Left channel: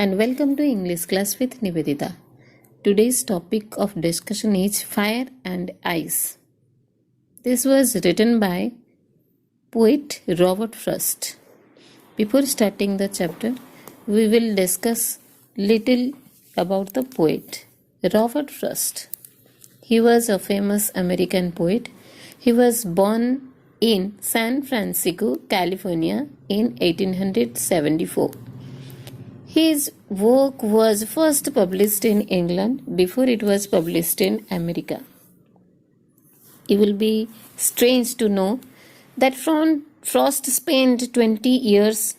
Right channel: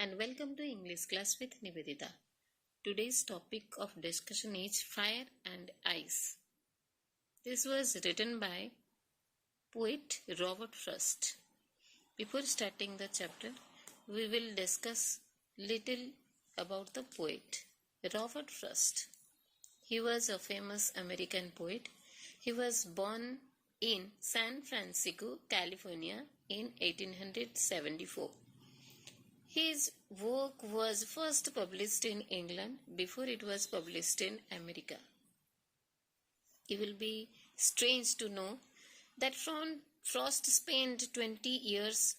and welcome to English class with Nivedita. Today's topic of discussion is Fire and Ice. This was written by poet Robert Frost. Before starting the chapter, we will discuss little about the poet Robert Frost. He was a famous American poet. He was born in San Francisco, California in 1874. His work was first published in England before it was published in America. It will be strange to know that Frost spent 20 years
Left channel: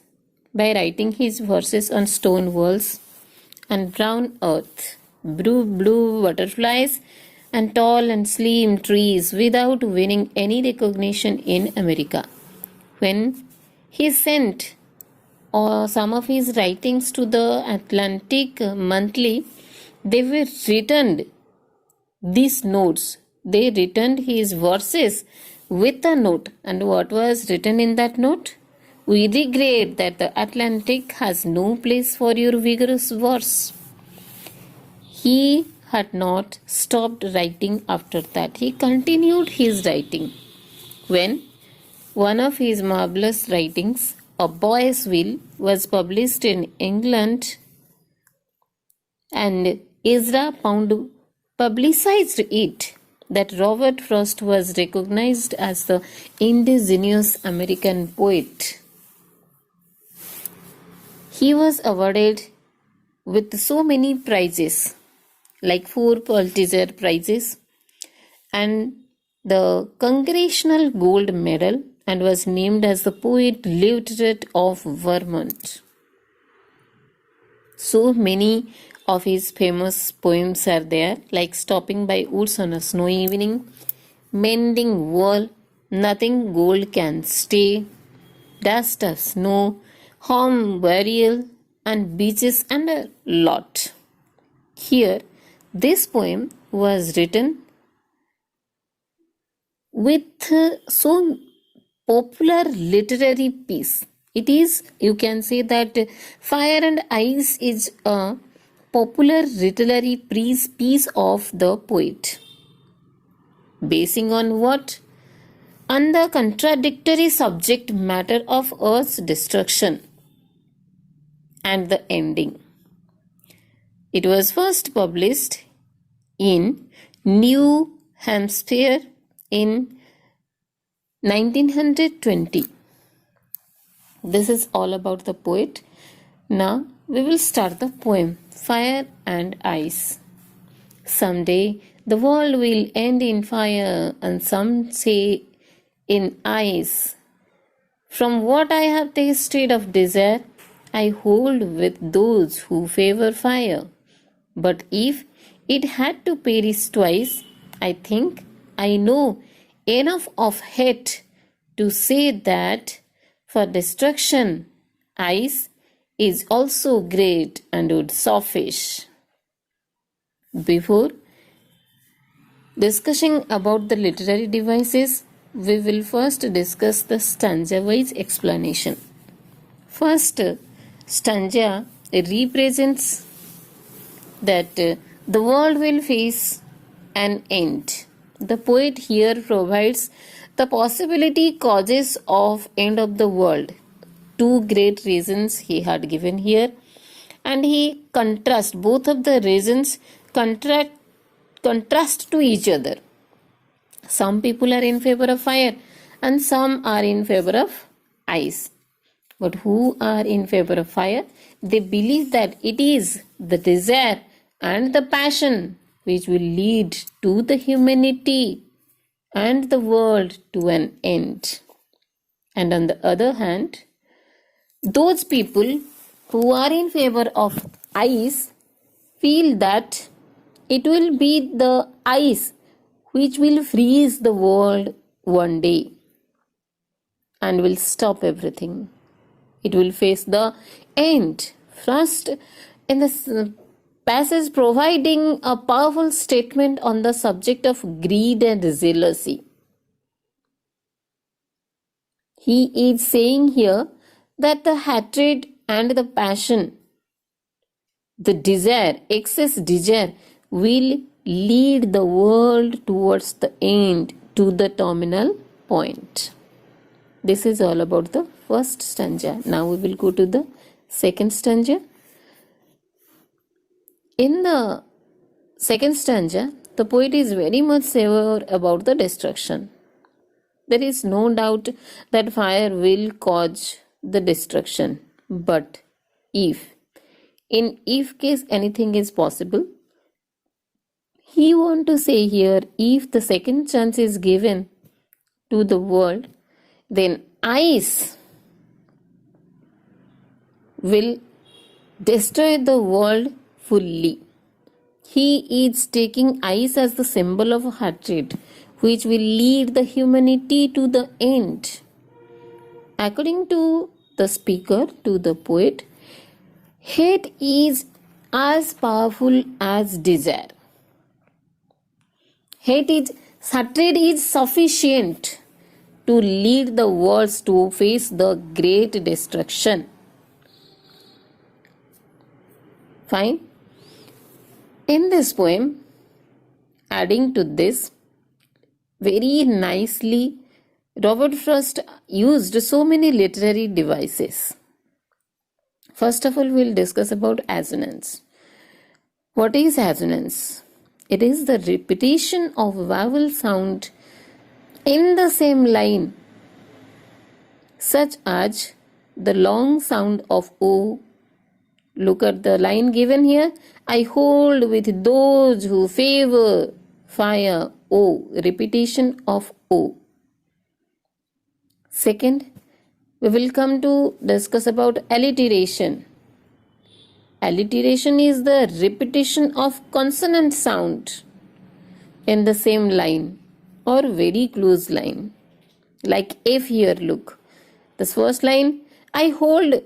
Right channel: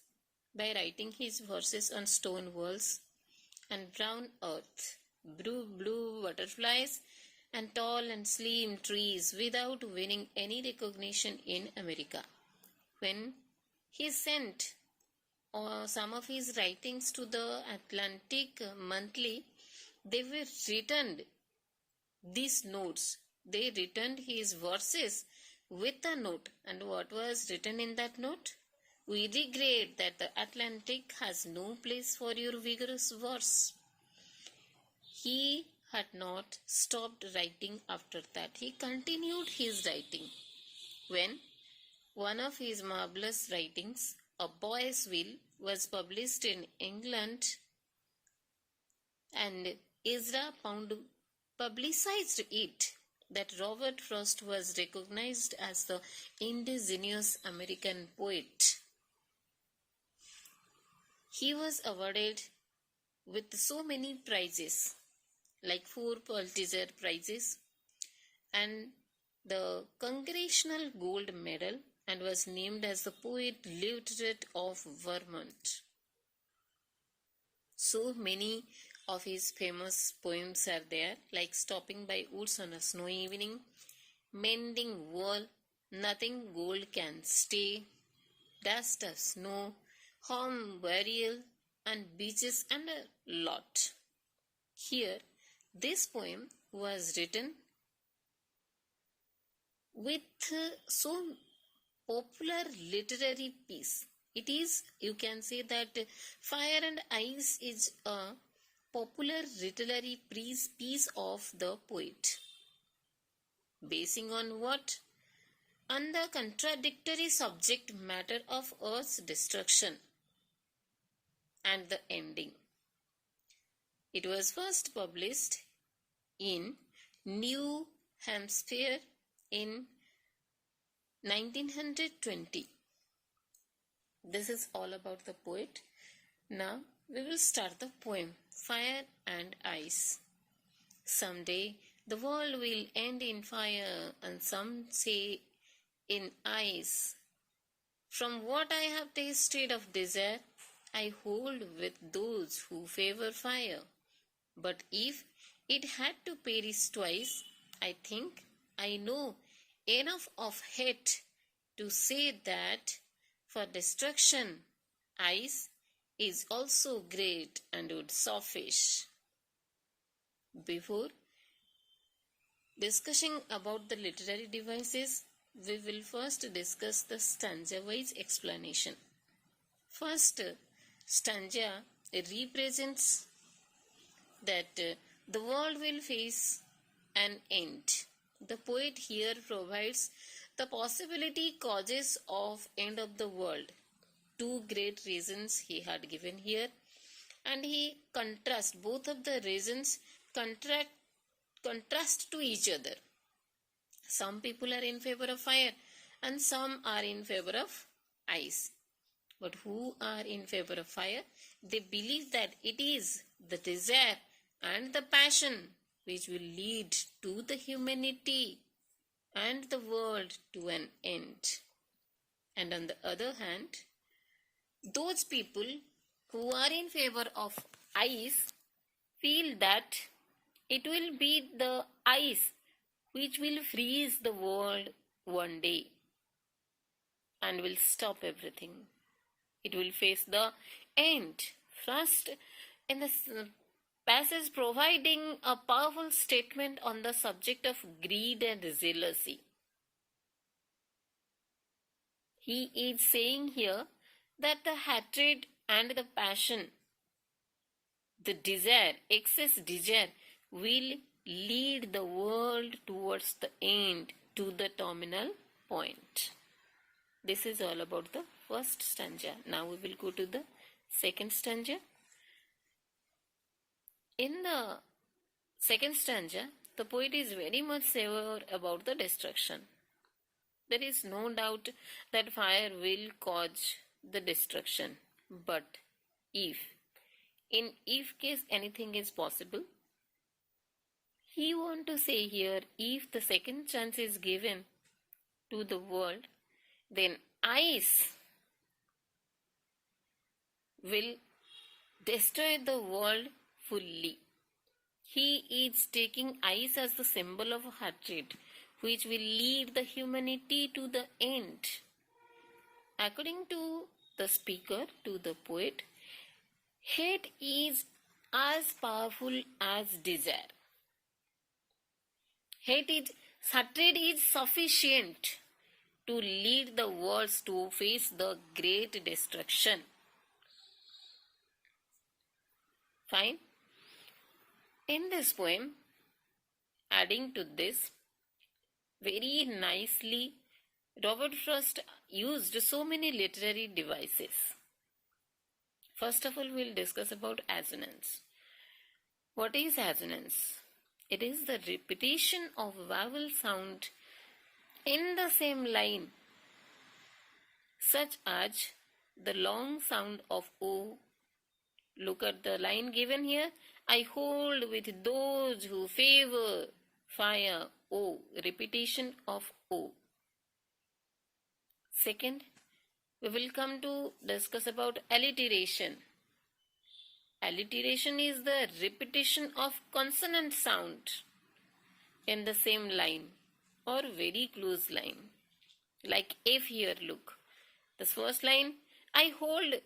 by writing his verses on stone walls and brown earth, blue butterflies, and tall and slim trees without winning any recognition in America. When he sent some of his writings to the Atlantic Monthly, they were returned these notes. They returned his verses with a note. And what was written in that note? We regret that the Atlantic has no place for your vigorous verse. He had not stopped writing after that. He continued his writing. When one of his marvelous writings, A Boy's Will, was published in England, and Ezra Pound publicized it, that Robert Frost was recognized as the indigenous American poet. He was awarded with so many prizes, like 4 Pulitzer Prizes and the Congressional Gold Medal, and was named as the Poet Laureate of Vermont. So many of his famous poems are there, like Stopping by Woods on a Snowy Evening, Mending Wall, Nothing Gold Can Stay, Dust of Snow, Home Burial, and Beaches, and a lot. Here, this poem was written with so popular literary piece. It is, you can say that Fire and Ice is a popular literary piece of the poet. Basing on what? On the contradictory subject matter of Earth's destruction and the ending. It was first published in New Hampshire in 1920. This is all about the poet. Now we will start the poem Fire and Ice. Someday the world will end in fire, and some say in ice. From what I have tasted of desire, I hold with those who favor fire. But if it had to perish twice, I think I know enough of hate to say that for destruction, ice is also great and would suffice. Before discussing about the literary devices, we will first discuss the stanza-wise explanation. First stanza represents that the world will face an end. The poet here provides the possibility causes of end of the world. 2 great reasons he had given here, and he contrasts both of the reasons contrast to each other. Some people are in favor of fire and some are in favor of ice. But who are in favor of fire? They believe that it is the desire and the passion which will lead to the humanity and the world to an end. And on the other hand, those people who are in favor of ice feel that it will be the ice which will freeze the world one day and will stop everything. It will face the end. First, in this passage, providing a powerful statement on the subject of greed and jealousy. He is saying here that the hatred and the passion the desire, excess desire, will lead the world towards the end, to the terminal point. This is all about the first stanza. Now we will go to the second stanza. In the second stanza, the poet is very much severe about the destruction. There is no doubt that fire will cause the destruction, but in if case anything is possible, he want to say here, if the second chance is given to the world, then ice will destroy the world fully. He is taking ice as the symbol of hatred, which will lead the humanity to the end. According to the speaker, to the poet, hate is as powerful as desire. Hatred is sufficient to lead the world to face the great destruction. Fine. In this poem, adding to this, very nicely, Robert Frost used so many literary devices. First of all, we'll discuss about assonance. What is assonance? It is the repetition of vowel sound in the same line, such as the long sound of O. Look at the line given here. I hold with those who favor fire, O. Repetition of O. Second, we will come to discuss about alliteration. Alliteration is the repetition of consonant sound in the same line or very close line. Like if here, look. This first line, I hold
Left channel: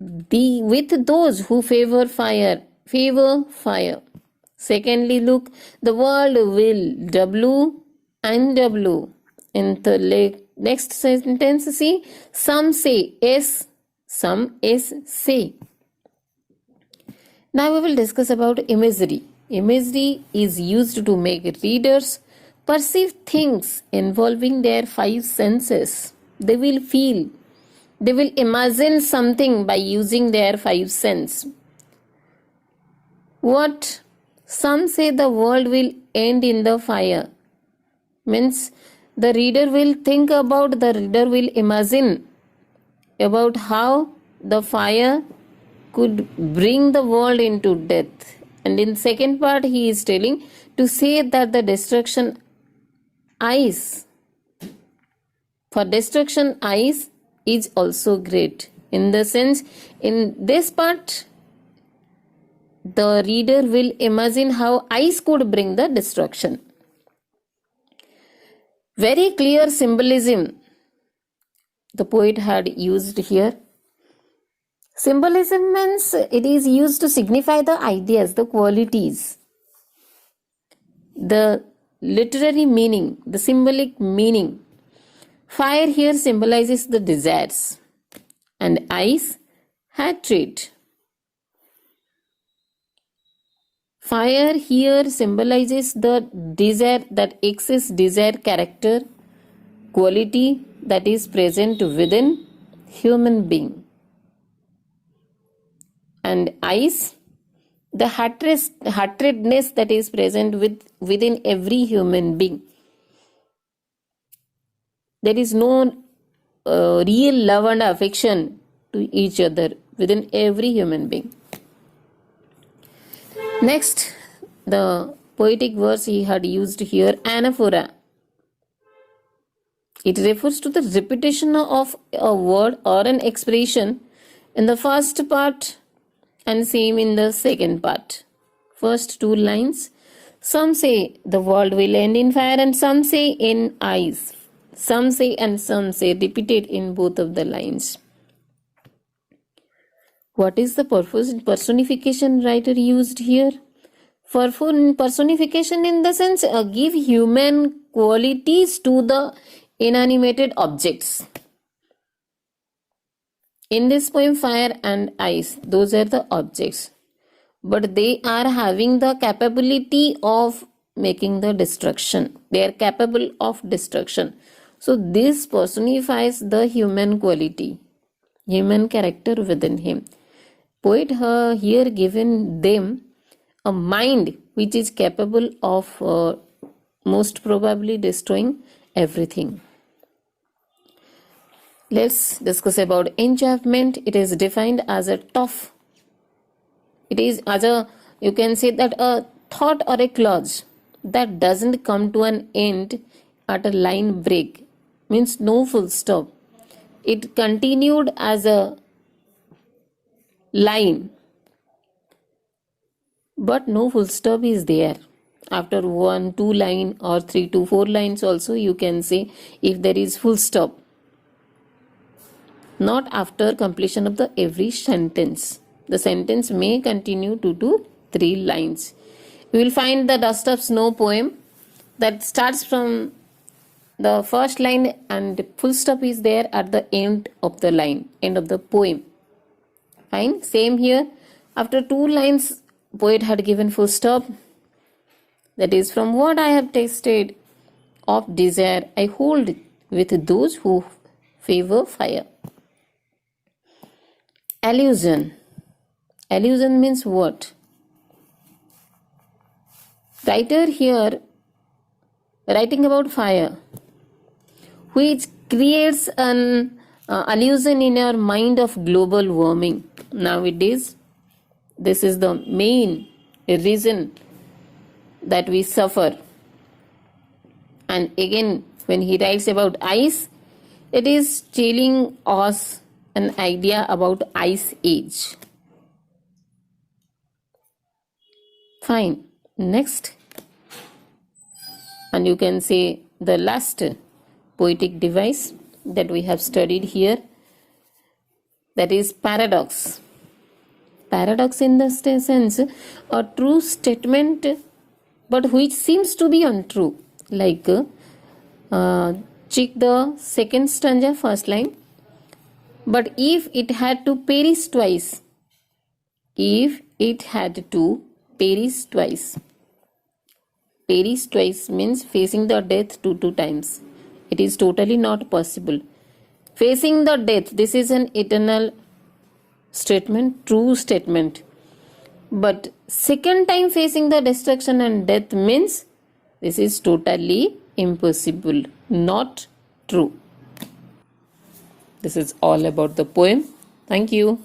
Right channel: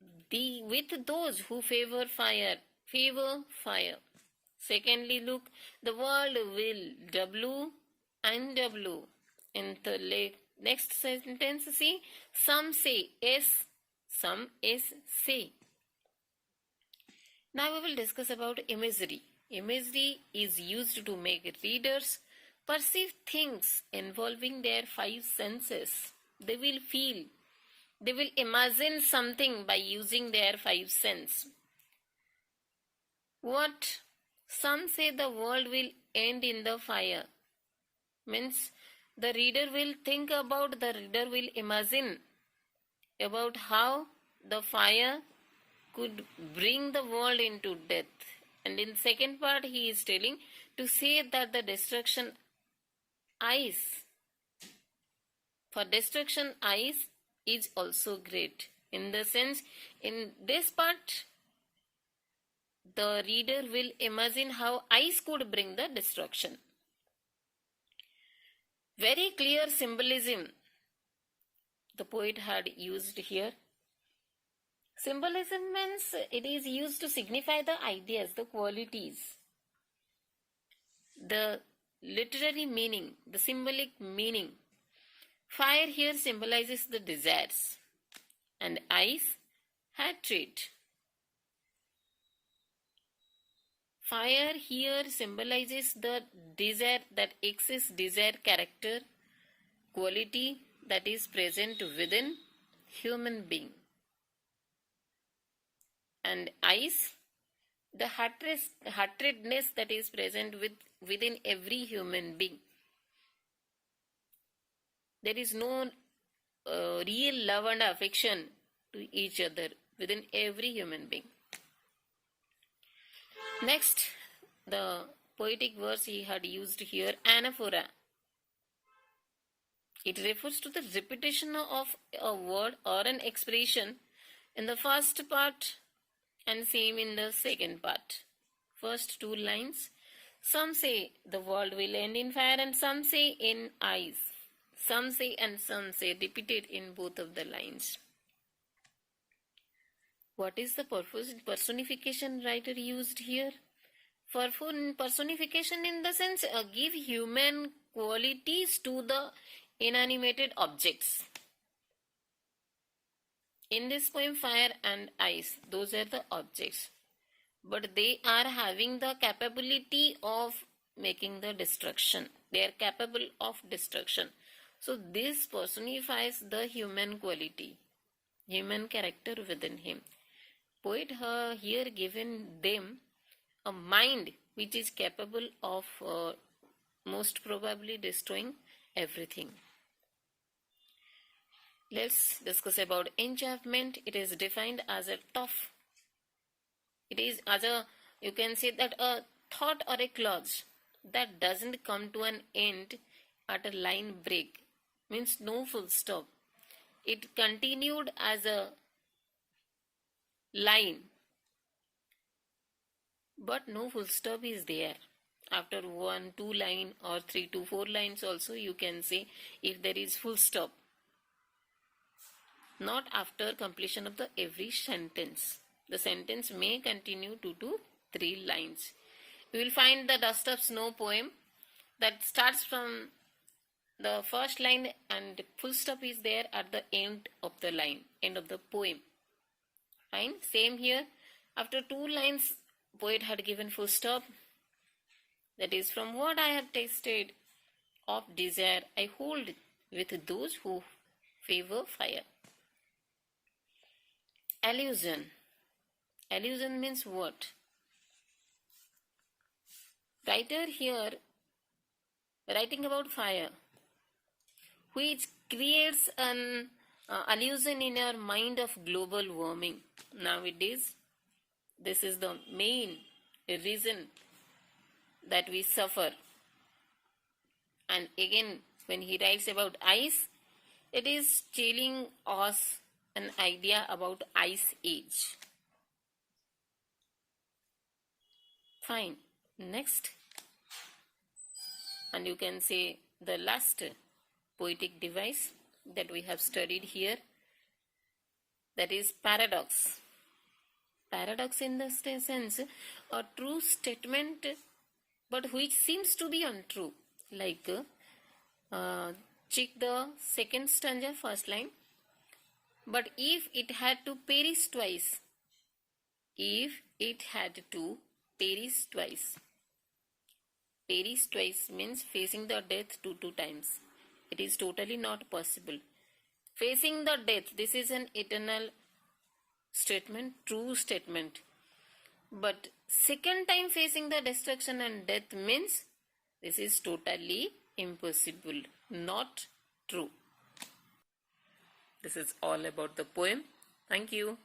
with those who favor fire. Secondly, look, the world will, W and W. In the next sentence, see, some say S, some is say. Now we will discuss about imagery. Imagery is used to make readers perceive things involving their five senses. They will feel, they will imagine something by using their five senses. What? Some say the world will end in the fire. Means the reader will think about, the reader will imagine about how the fire could bring the world into death. And in second part, he is telling to say that the destruction ice, for destruction ice is also great. In the sense, in this part, the reader will imagine how ice could bring the destruction. Very clear symbolism the poet had used here. Symbolism means it is used to signify the ideas, the qualities, the literary meaning, the symbolic meaning. Fire here symbolizes the desires and ice, hatred. Fire here symbolizes the desire, that excess desire character, quality that is present within human being. And ice, the hatredness that is present within every human being. There is no real love and affection to each other within every human being. Next, the poetic verse he had used here, anaphora. It refers to the repetition of a word or an expression in the first part and same in the second part. First two lines, some say the world will end in fire and some say in ice. Some say and some say, repeated in both of the lines. What is the personification writer used here? For personification in the sense, give human qualities to the inanimated objects. In this poem, fire and ice, those are the objects. but they are having the capability of making the destruction. They are capable of destruction. So this personifies the human quality, human character within him. Poet here given them a mind which is capable of most probably destroying everything. Let's discuss about enchantment. It is defined as a tough. It is as a, you can say that a thought or a clause that doesn't come to an end at a line break, means no full stop. It continued as a line, but no full stop is there. After 1, 2 line or 3 to 4 lines also you can say if there is full stop. Not after completion of the every sentence. The sentence may continue 2 to 3 lines. You will find the Dust of Snow poem that starts from the first line and full stop is there at the end of the line, end of the poem. Fine. Same here. After 2 lines, poet had given full stop. That is, from what I have tasted of desire, I hold with those who favor fire. Allusion. Allusion means what? Writer here writing about fire, which creates an allusion in our mind of global warming. Nowadays, this is the main reason that we suffer. And again, when he writes about ice, it is telling us an idea about ice age. Fine. Next, and you can say the last poetic device that we have studied here, that is paradox. Paradox in the sense a true statement but which seems to be untrue, like check the second stanza, first line. But if it had to perish twice, if it had to perish twice. Perish twice means facing the death 2 times. It is totally not possible. Facing the death, this is an eternal statement, true statement. But second time facing the destruction and death means this is totally impossible, not true. This is all about the poem. Thank you.